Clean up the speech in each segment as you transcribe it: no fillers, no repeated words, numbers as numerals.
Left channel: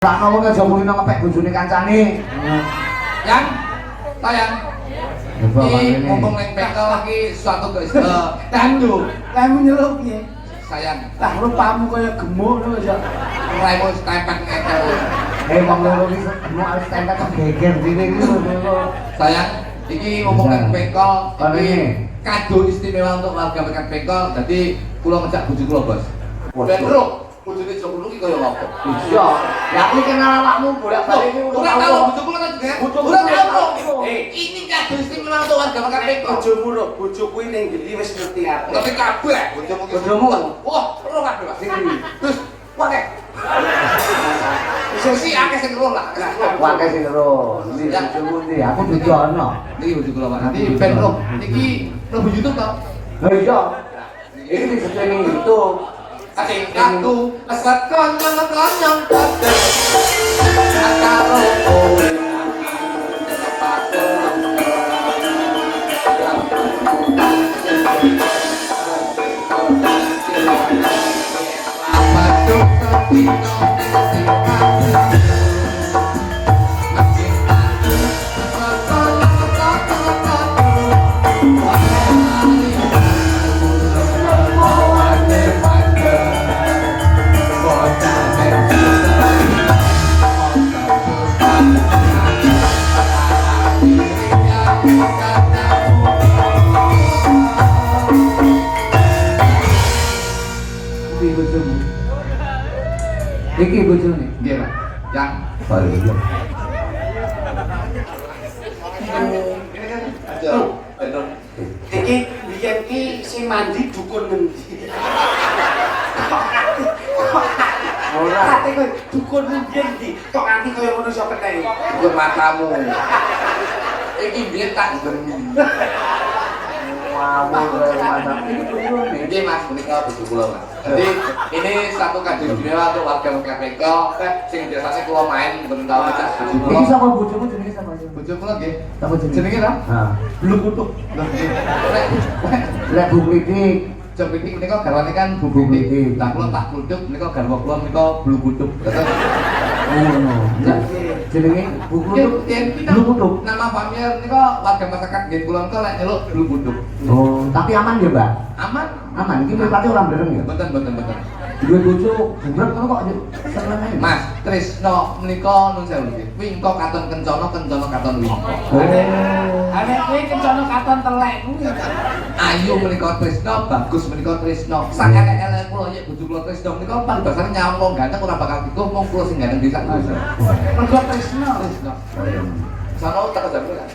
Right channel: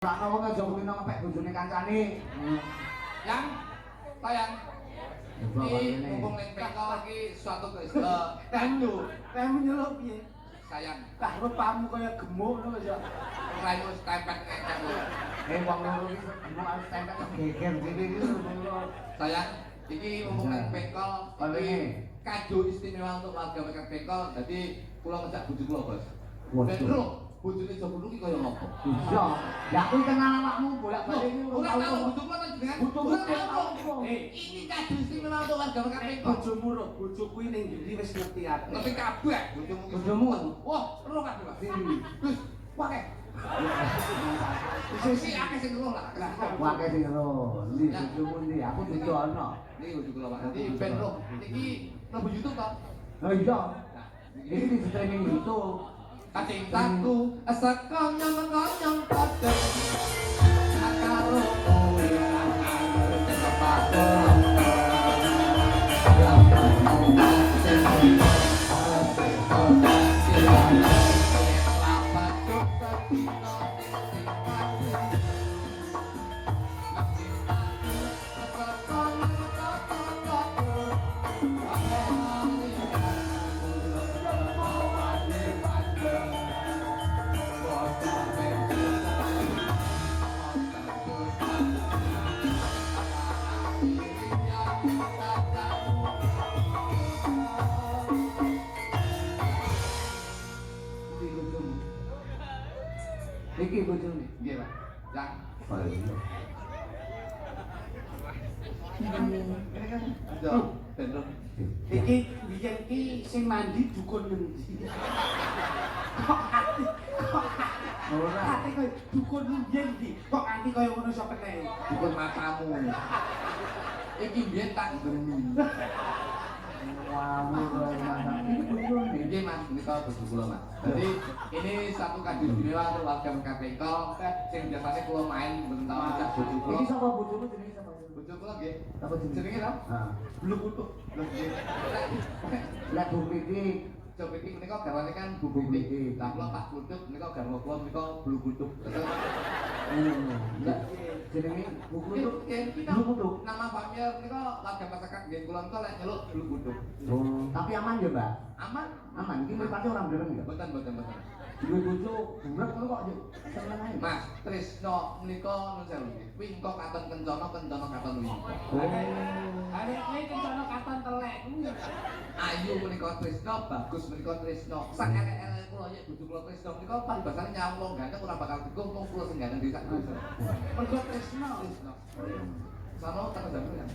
Lah ngomong aja muni nang ngepek bojone kancane. Yang tayang. Iki mumpung ning bengkel iki suatu tandu. Lemu nyeluk piye? Sayang, Lah rupamu kaya gemuk lho ya. raimu stempet ngekel. Wong loro iki gemuk arep tempel kok geger dhewe iki lho. Sayang, iki mumpung ning bengkel Ini. iki kado istimewa untuk warga Mekan Bengkel. Dadi kula ngejak bojo kula, Bos. Ben ro, bojone Joko iki kaya ngopo? Iya. Lah kuwi kenal awakmu bolak-balik iki Ora tahu bojo kula kan jenenge. Bojomu Ora tahu. tahu. Ini kado istimewa untuk warga Mekan Bengkel. bojomu lho, bojo kuwi ning ndi wis ngerti aku. Ngerti kabeh bojomu. Bojomu? Wah, ora kabeh, Pak. Sini. Terus wae. Sisi akeh sing ro lah. Wae sing ro. Ndi bojomu ndi? Aku dudu ana. Niki bojo kula, Pak. Nanti ben ro. Niki mlebu YouTube to. Lah iya. Iki disetreming YouTube. Asing aku asat konyong-konyong kabeh. Karo kowe. Iki bojomu. Iki bojone. Nggih, Pak. Yang Baru iya. aja bener. Iki biyen ki sing mandi dukun ngendi? Ora. Ate kowe dukun ngendi? Kok nganti kaya ngono iso keneh? Dukun matamu. Iki biyen tak demi. Ngawur kaya mantap. Iki bojone. Ini Mas, menikah bojo kula, Mas. Jadi ini satu kado istimewa untuk warga Mekan Bengkel. Sing biasanya kula main ben tau ngajak bojo Iki kula. sapa bojomu jenenge sapa? Bojo kula nggih. Sapa jenenge? Jenenge ta? Ha. Blue Kutuk. Lho nggih. Lek Bu Kritik. Jok pitik menika garwane kan Bu Bu Pitik. Pitik. Lah kula tak kutuk menika garwa kula menika Blue Kutuk. Ngono. Jenenge Bu Kritik. Blue Kutuk. Nama familiar menika warga masyarakat nggih kula menika lek nyeluk Blue Kutuk. Oh, tapi aman ya, Mbak? Aman? Aman. Iki mripate ora mbereng ya? Mboten mboten mboten. Duwe bojo bubrek ngono kok seneng ae. Mas, Trisno menika nun sewu nggih. Wingko katon kencana, kencana katon wingko. Oh. Ane kowe kencana katon telek kuwi. Ayu menika Trisno, bagus menika Trisno. Sak elek-elek kula nyek bojo kula Trisno menika paribasane nyawang ganteng ora bakal dikuh mung kula sing ganteng bisa Trisno. Mergo tresno. Trisno. Sono tak jam kan.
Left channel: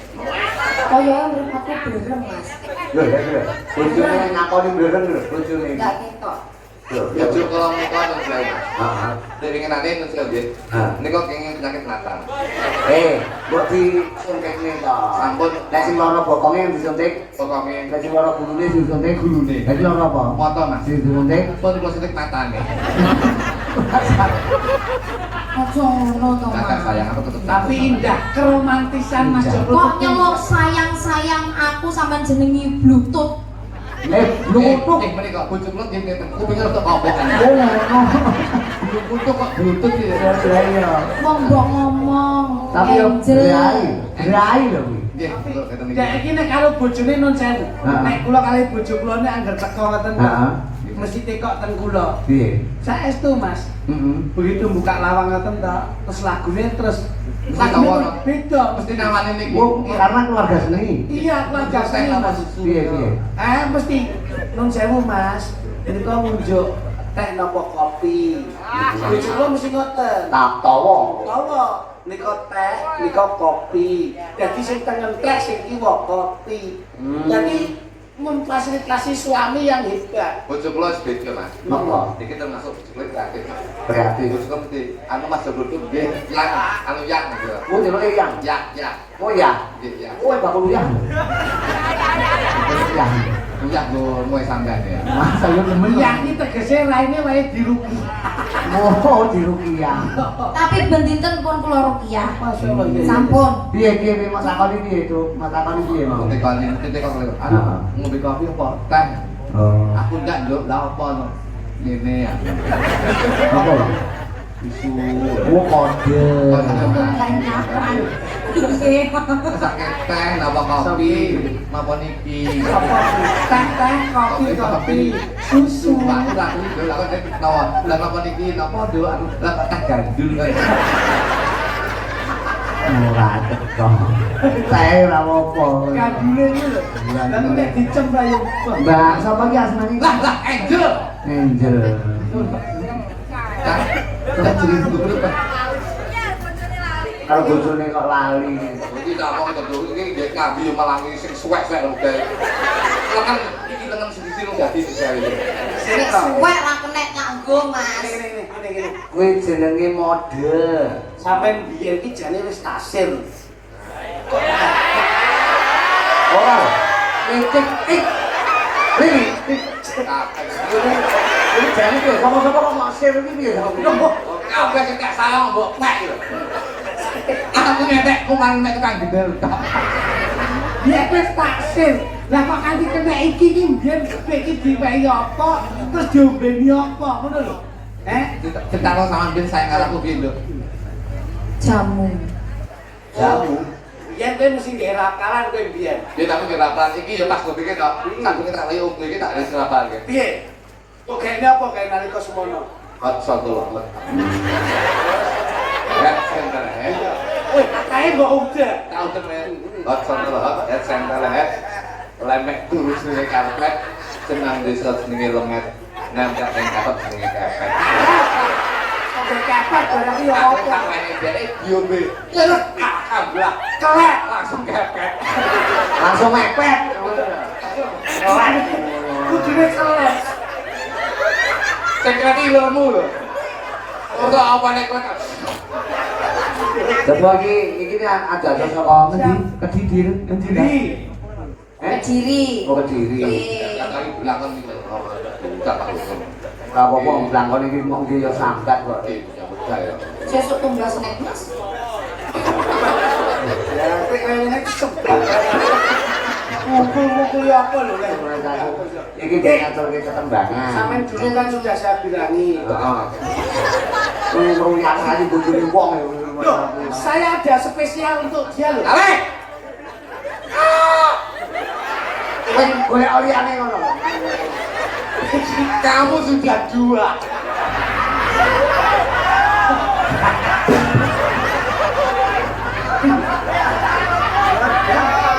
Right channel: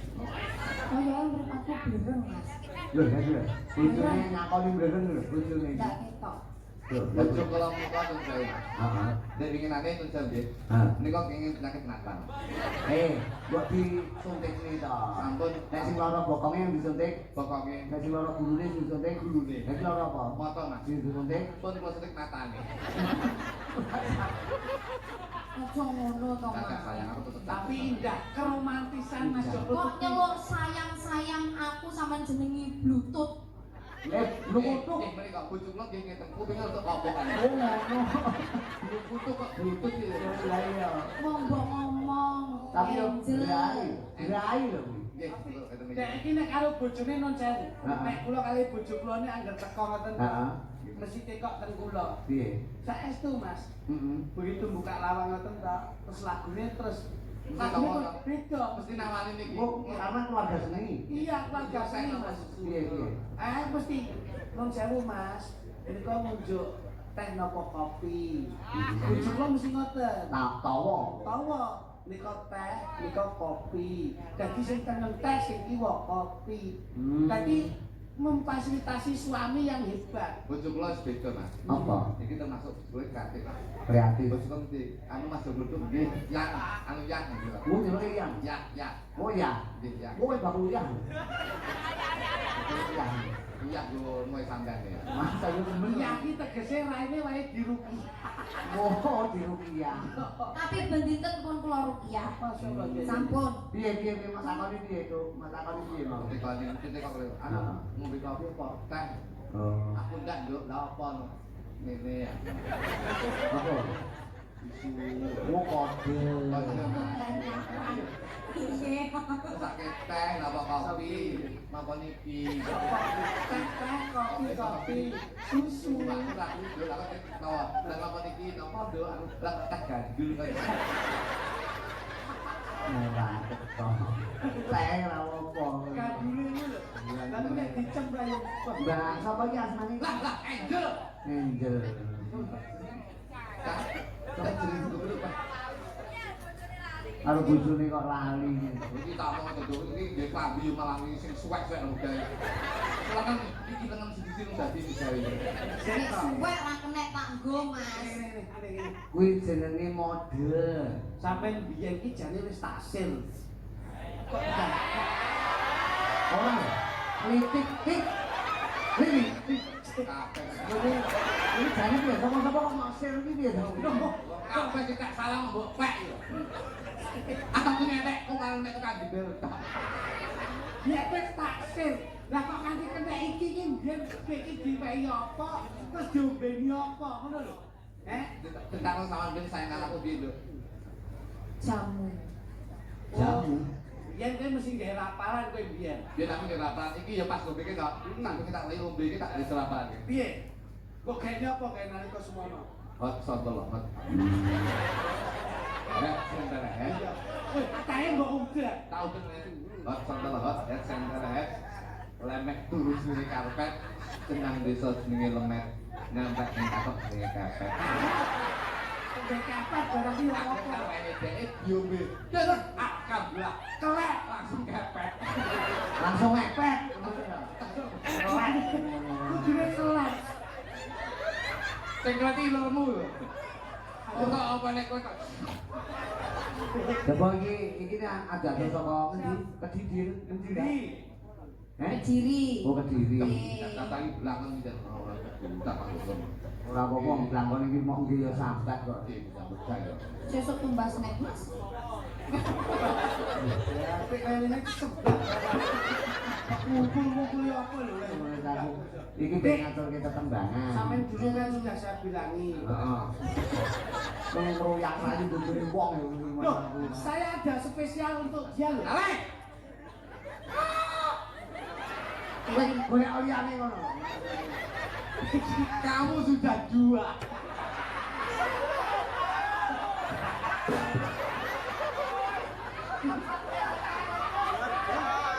Kaya urip aku berem, Mas. Lho, ya lho. Bojone ngakoni mbereng lho, bojone. Enggak ketok. Lho, Ya bojo kula menika nun sewu. Heeh. Nek winginane nun sewu nggih. Ha. Menika kenging penyakit mata. Mbok disuntikne to. Sampun Nek sing lara bokonge yang disuntik, pokoke nek sing lara gulune disuntik gulune. Nek lara apa? moto Mas. Disuntik. Pun kula suntik matane. Aja ngono to, Kakak Mas. sayang aku tetep Tapi indah keromantisan Mas Indah. Joko. Kok nyeluk sayang-sayang aku sampean jenengi Bluetooth. Bluetooth. Menika bojo kula nggih ngeten. Kupinge rada kopekan. Oh, ngono. Bluetooth kok Bluetooth ya. Ya iya. Wong mbok ngomong. Tapi yo Angel. berai lho kuwi. Nggih, kula ngeten Dek iki. iki nek karo bojone nun sewu. Heeh. Nek kula kali bojo kula nek anggar teko ngoten Heeh. mesti tekok ten kula. Piye? Saestu Mas. Heeh. Begitu buka lawang ngoten to, terus lagune terus Mesti lagune tawono. beda. Mesti namane niki. Oh, karena keluarga senengi. Iya, keluarga Saya seni tambah Mas. susu. Piye piye? Mesti nun sewu Mas. Menika ngunjuk teh napa kopi. Bojo kula mesti ngoten. Tak tawa. Tawa nika teh, nika kopi. Dadi sing tengen teh, sing kiwa kopi. Jadi memfasilitasi suami yang hebat. Bojo kula wis beda, Mas. Apa? Iki termasuk bojo kula kreatif. Mas. Kreatif. Bojo kula mesti anu Mas Joglutuk nggih, yang anu yang gitu. Mau nyeluke yang. Ya. Mau ya. Nggih, ya. Kowe bakul yang. Yang. Kuyak go moe sampean ya. Masa yo temen. Yang iki tegese raine wae dirugi. Oh, di Rukiah. Tapi ben dinten pun kula rukiah. Masyaallah ya. Sampun. Piye piye Mas takoni piye, Cuk? Mas takoni piye mau? Ngombe kopi, ngombe kopi. Anu, ngombe kopi apa? Teh. Oh. Aku ndak njuk la apa no. Ngene ya. Apa? Oh, kode. Kebanyakan. Iya. Sakit teh, napa kopi, napa niki. Teh, kopi, susu. Lah napa niki, napa do, lah teh gandul kan. Ora teko. Saya ora apa. Gandule iki lho. Lah nek dicem ra yo. Mbak, sapa ki asmane? Lah Angel. Angel. Lah jadi dulu kan. Karo bojone kok lali. Iki tak mau terus iki nggih kambi yo malangi sing suwek-suwek lho guys. Lah kan iki tengen sendiri lho dadi saya. Nek suwek ra kenek nganggo, Mas. Ngene. Kuwi jenenge mode. Sampeyan biyen iki jane wis tasir. Ora. Licik tik. Ini. Ini jane ki sapa-sapa kok masir iki piye? Kabeh sing tak salah mbok nek lho. Aku ngetek kuman nek tukang gendel. Ya wis tasir. Lah kok kanthi kena iki ki biyen iki diwehi apa terus diombeni apa ngono lho. Cerita sama Ben saya karo aku piye, Nduk? Jamu. Jamu. Biyen kowe mesti nggae rakalan kowe biyen. Ya tapi kira iki ya pas gue pikir kok. Sadurunge tak lagi om iki tak wis rapalke. Piye? Kok kene apa kae nalika semono? Hot satu lho. Ya, center ya. Wih, kae mbok udah. Tahu kan ya. Hot satu lho, ya center ya. Lemek terus ning karpet. Senang desa jenenge lemet. Nempel ning karpet jenenge kepet. Sampai kapan barang iki Aku apa? tak main dhek diombe. Terus kablah. Kelek. Langsung kepet. Langsung mepet. Kudune kelek. Sing kati ilmu lho. Ora apa nek kowe. Coba iki ada saka ngendi? Kediri, Kediri. Kediri. Oh, Kediri. Kali belakang iki lho. Tak tahu. Ora apa-apa blangkon iki mok nggih ya sangkat kok. Nyambut gawe. Sesuk tumbas nek, Mas. Ya, kowe kayane kesebak. Mukul-mukul apa lho, Lek? Iki dia ngaturke ketembangan. Sampeyan dulu kan sudah saya bilangi. Heeh. Ngruyang kali bojone wong ya. Loh, saya ada spesial untuk dia loh. Ale. Kowe golek liyane ngono. Kamu sudah dua.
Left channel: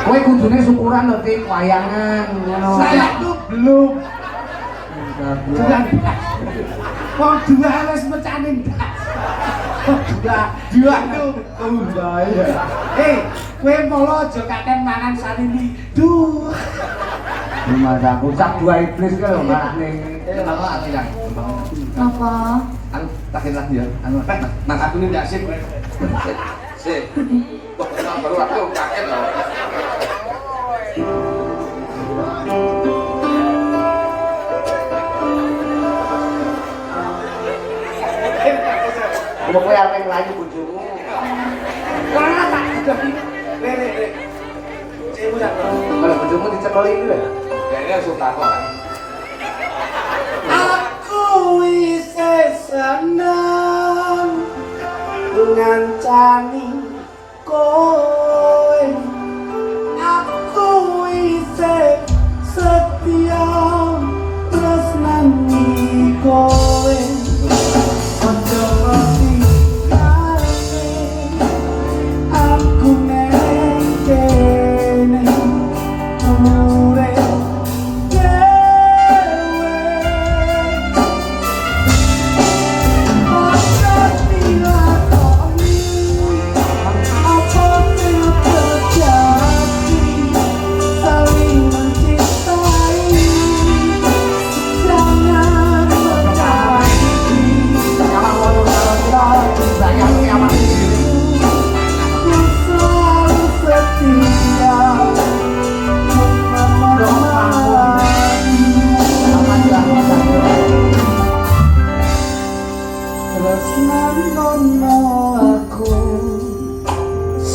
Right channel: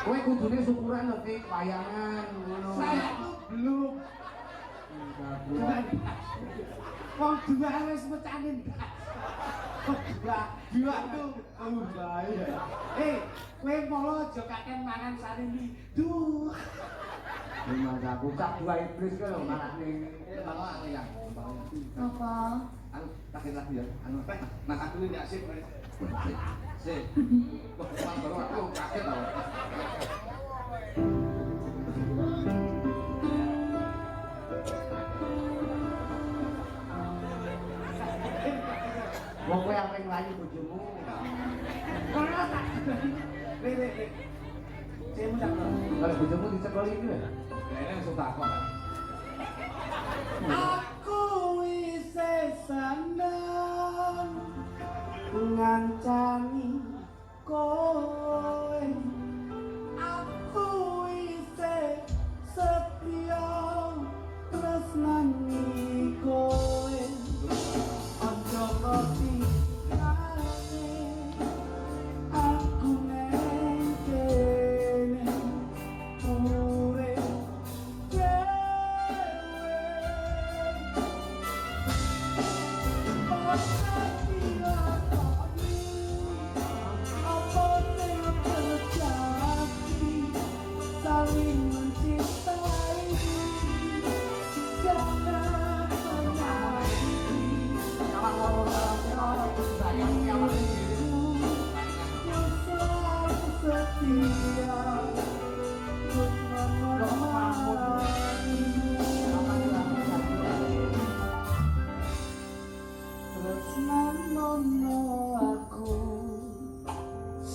Kowe kudune syukuran lho Tik, wayangan ngono. Saya tuh belum. Bulan das. Wong dua wis mecane das. Dua tuh bahaya. Kowe molo aja kaken mangan sarimi. Duh. Mas aku cak dua iblis ki lho malah ning. Apa aku yang Apa? anu takin lagi ya. Anu Mas aku ini ndak sip. sih. Wah, baru aku kaget loh. Apa kowe arep nglayu bojomu? Wah, tak udah ini. Rek. Cimu sak. Kalau bojomu dicekeli iki lho. Kayaknya suka kok. Aku isih seneng ngancani kowe. Aku isih setia tresnani kowe. Ojo ngerti kare aku neng kene urip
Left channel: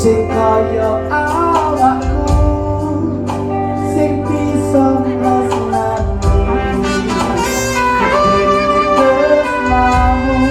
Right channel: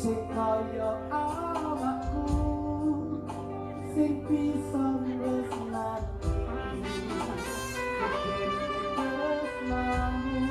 sing kaya awakku sing bisa nresnani tresnamu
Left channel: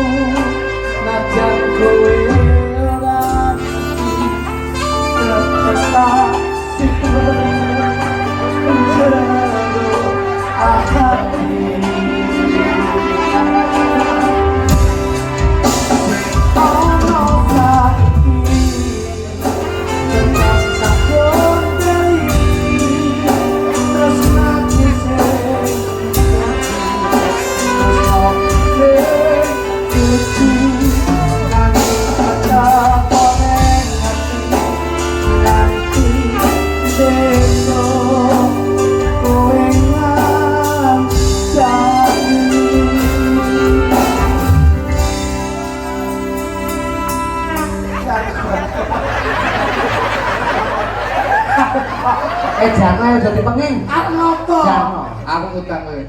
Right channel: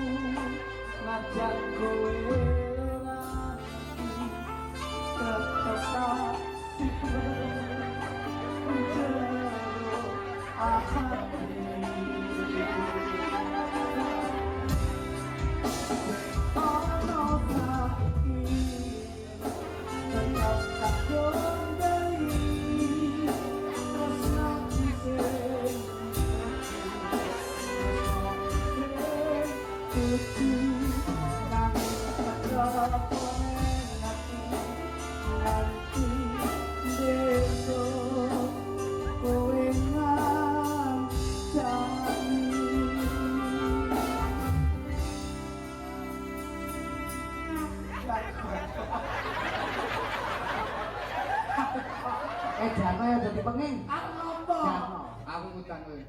Jarno ya dadi penging. Arep ngopo? Jarno. Aku utang kowe.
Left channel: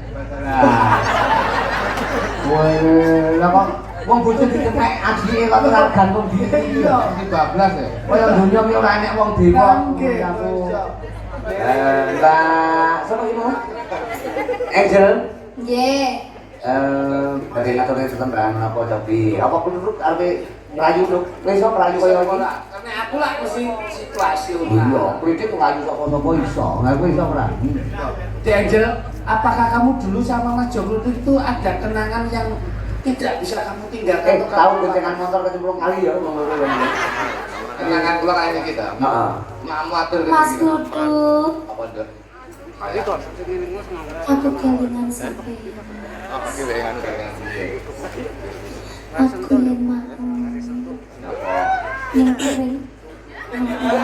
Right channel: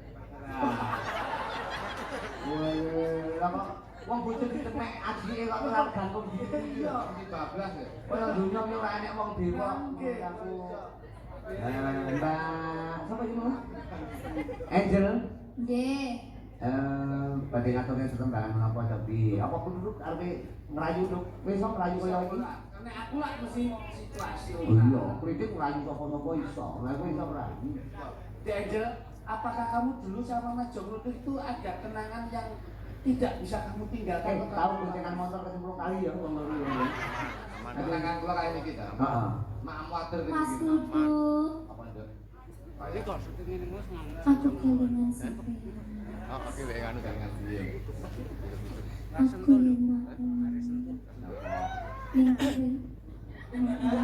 Woi, lah kok wong bojo dikepek ajike kok ora gantung diri. Iya. Iki bablas ya. Kaya dunya ki ora enek wong dewa. Nggih. Aku. Mbak, sapa iki mau? Angel. Nggih. Dari ngaturnya tetembangan apa tapi apa penduduk arep merayu lho. Wis iso merayu kaya iki. Karena aku lah mesti situasional. Iya, kritik merayu sapa-sapa iso. Lah kowe iso merayu. Dek Angel, apakah kamu dulu sama Mas Joglo itu ada kenangan yang tidak bisa kamu tinggalkan? Tahu kencengan motor kecemplung kali ya wong loro ya. Kenangan kula kaya kita. Heeh. Mamu atur Mas Duduk, Apa nduk? aku kelingan sampai. Oh, oke wae anu dengan piye. Aku yang mau Napa? yang kering. Yang piye?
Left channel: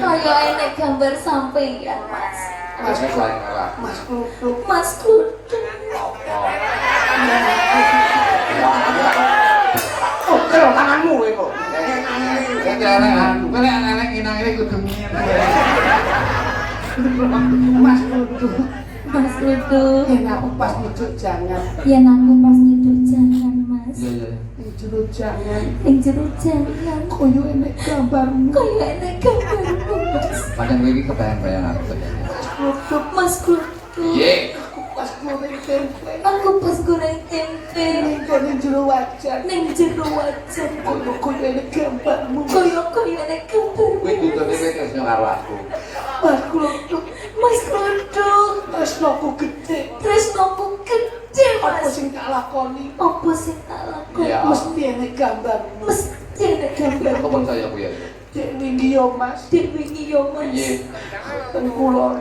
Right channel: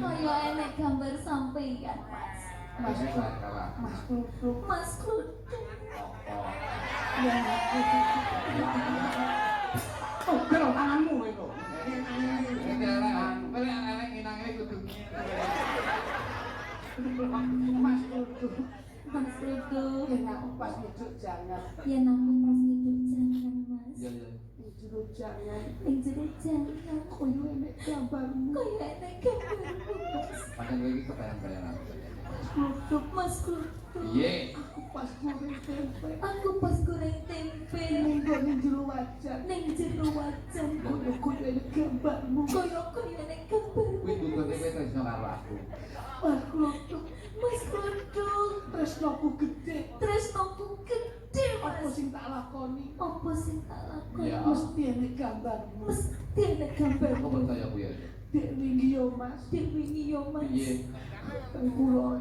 Kayak enek gambar sampeyan, Mas. Mas selain ora. Mas Duduk. Mas Duduk. Apa? Oh, kero tanganmu kowe kok. Kowe anak-anak inang iki kudu ngene. Mas Duduk. Mas Duduk. Yen aku pas nyucuk jangan. Yen aku pas nyeduk jangan, Mas. Iya iya. Nyucuk jangan. Ning jero jangan. Koyo enek gambarmu. Kayak enek gambarmu, Mas. Padahal kowe iki kebayang-bayang aku sebenarnya. Duduk. Mas Duduk. Iya. Aku pas goreng tempe. Aku pas goreng tempe Ning jero wajan. ning jero wajan. Koyo enek gambarmu. Koyo enek gambarmu. Kowe dudune kowe tresno karo aku. Mas Duduk. Mas Duduk. Tresnoku gede. Tresnoku gede, Apa Mas. sing tak lakoni? Apa sing tak lakoni? Iya. Mesti enek gambarmu. Mesti enek gambarmu. Kok percaya aku ya? Dek wingi yo Mas. Dek wingi yo, Mas. Iya. Ten kula.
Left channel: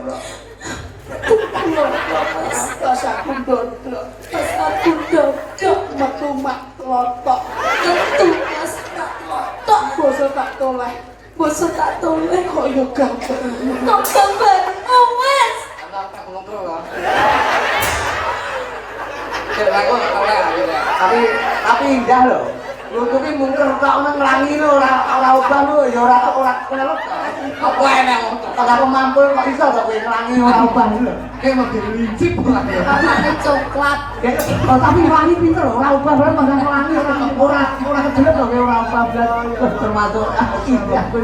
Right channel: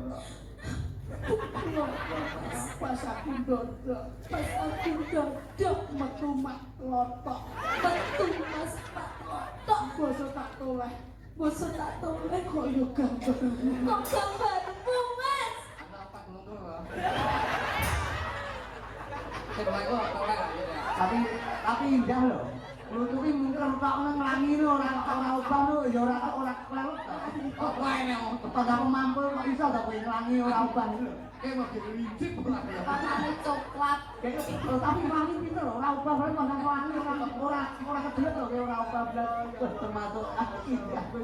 Kulo, Mas. Pas aku dodok. Pas aku dodok Metu mak lotok. tentu Mas tak lotok. Basa tak toleh. Basa tak toleh. Koyo gambarmu. Kok gambarmu, Mas? Anak tak ngono lho. Cek aku oleh aku ya. Tapi indah loh. Nutupi mungkin tok nang nglangi lho ora ubah lho ya ora kenal. Apa enak ngono? Kok aku mampu kok iso kok kowe nglangi ora ubah lho. Kayak mau dilincip lah ya. Warnane coklat. Oh, tapi nglangi pinter lho, ora ubah lho malah nglangi ora kejelek lho kowe ora ubah blas termasuk indah kowe.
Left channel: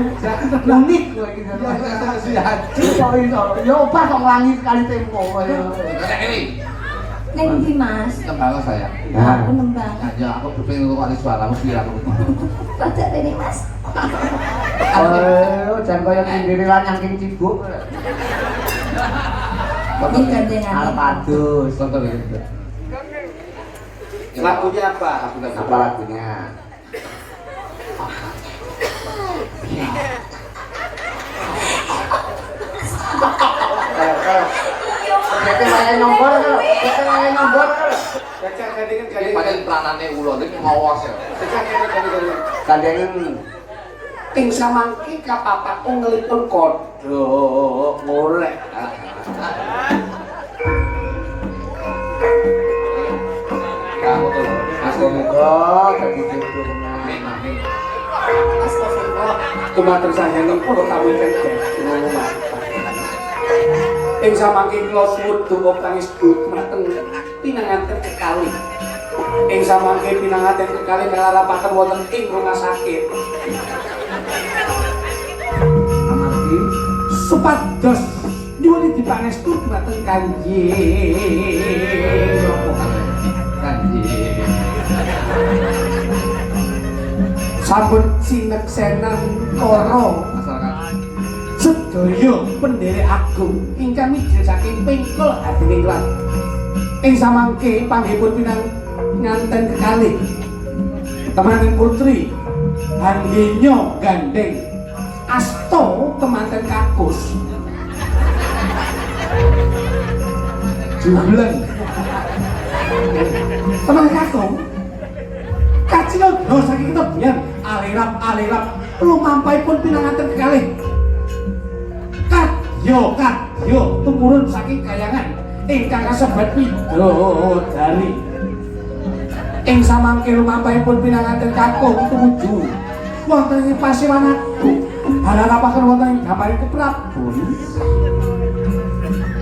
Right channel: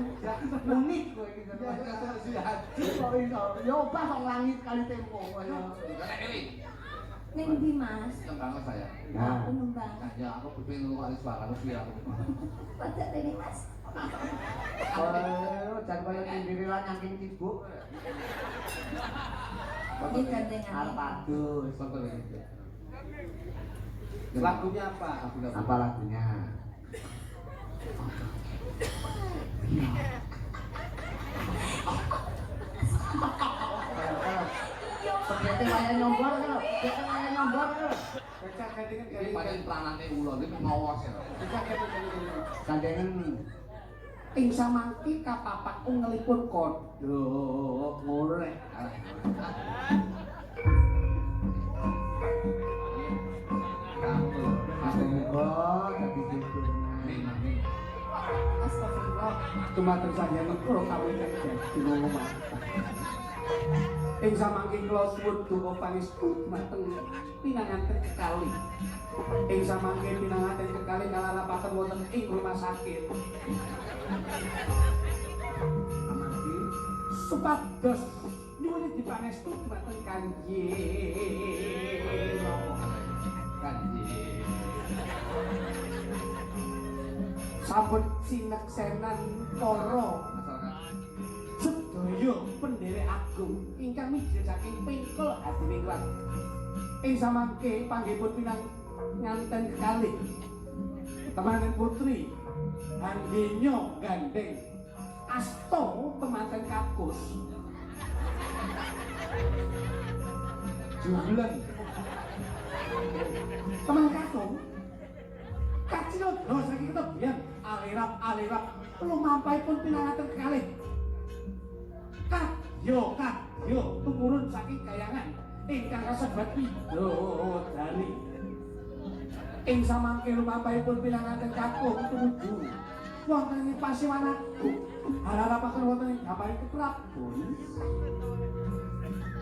Unik kowe iki. Kok iso? Ya ubah kok nglangi sekali tempo kaya. Kayak ini. Ning ndi, Mas? Tembang saya. Aku nembang. Ya aku pengen ngomong suara mesti aku. Rada rene, Mas. Oh, jan kaya sendiri lan nyangking cibuk. Ini gandengan. Arep adus. Contoh gitu. Lagunya apa? Apa lagunya? Kita main nomor kalau, kita main nomor kalau. Gajah gandengan Ini paling peranannya ulo, ini ngawas ya. Gajah gandengan. Kandengan Ing samangke kapapakku ngelipun kodhok ngoleh. Kamu tuh, Mas Moga dadi jodohna. Amin. Astagfirullah. Dumatur sayangi kula kawiten ngono Mas. Ing samangke kula suwun donga pangis dumateng pinanganten kekalih. Ing samangke pinanganten kekalih kalarapaken wonten ing rumah sakit. Amargi Supados nyuwun dipangestu dumateng Kanjeng Kanjeng. sampun sineksenan para Masyarakat. sedaya pendherek agung ingkang mijil saking pengkol hatining lan ing samangke panggihipun pinanganten kekalih temanten putri Handinyo gandeng asto temanten kakus jubleng teman kakung kacilo do saking tebian alirap lumampahipun pinanganten kekalih kadya tumurun saking kayangan ingkang kasebat widodari ing samangke lumampahipun pinanganten kakung tumuju wonten ing Pasiwan Agung Halapaken wonten ing gambare keprabon.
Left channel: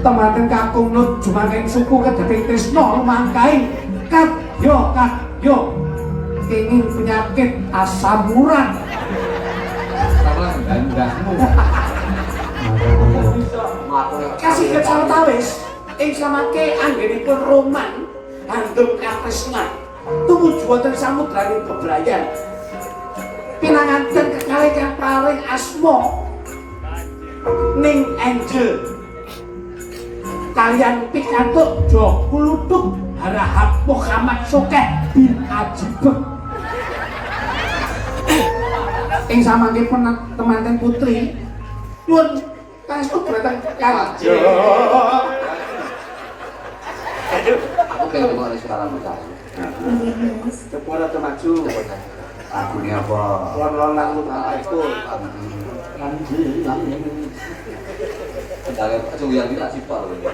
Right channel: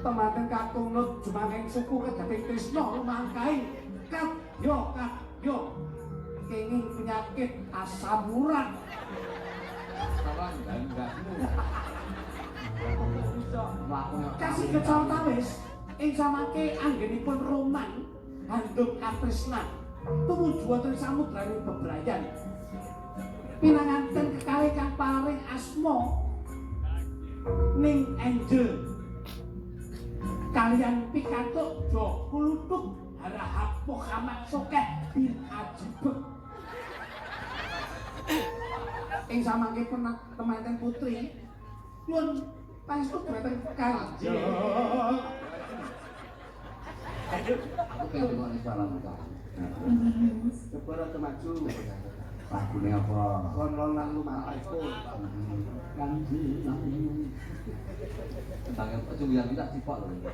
Temanten kakung nut jumaking suku kedating tresna lumangkaing kadya kenging penyakit asam urat. Sama dandahmu. Kasih kecawatawis ing samangke anggenipun roman handuk katresnan tumuju wonten samudraning bebrayan pinanganten kekalih kang paring asma Ning Angel kalian pikantuk Jo Kuluduk Harahap Muhammad Sokeh bin Ajibek ing samangke temanten putri nyuwun pangestu dhateng Kanjeng. Aku pengen dengar suaramu tadi. Kepala temaju. Aku ini apa? Lon-lon nang lumangkepun. Sedaya kecuyan tidak sipok lho.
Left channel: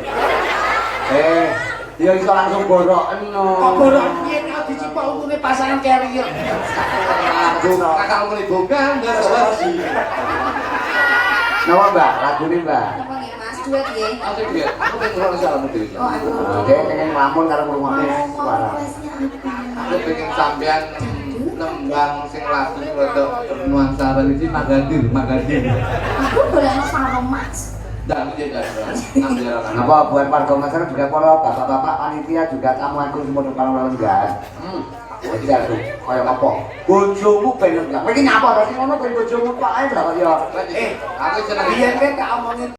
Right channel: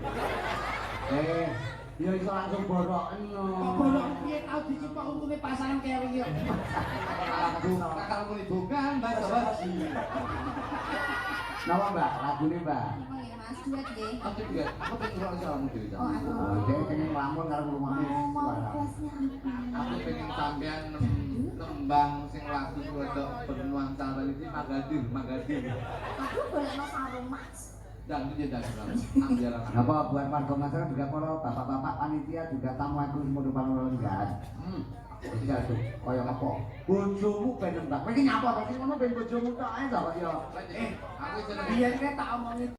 Dia iso langsung boroken no. Kok borok piye nek dicipok untune pasangan carrier. Kakak mulai bogan enggak salah. Napa Mbak? Lagune Mbak? Apa nggih Mas? Duet nggih. Aku dia, aku pengen dengar suaramu dewi. Oh, aku. Oke, pengen ngelamun karo ngrungokne suara. Requestnya apa? Aku pengen sampean nembang sing lagu rada bernuansa religi Magadir. Aku golekno sarung Mas. Dan dia jangan. Ambil Napa buat warga masyarakat juga para bapak-bapak panitia juga tamu aku semua kalau enggak. Jadi aku kaya apa? Bojomu pengen enggak? Iki nyapa to sing ngono ben bojomu kok ae lah kok ya. Aku seneng. Biyen kan tak omongin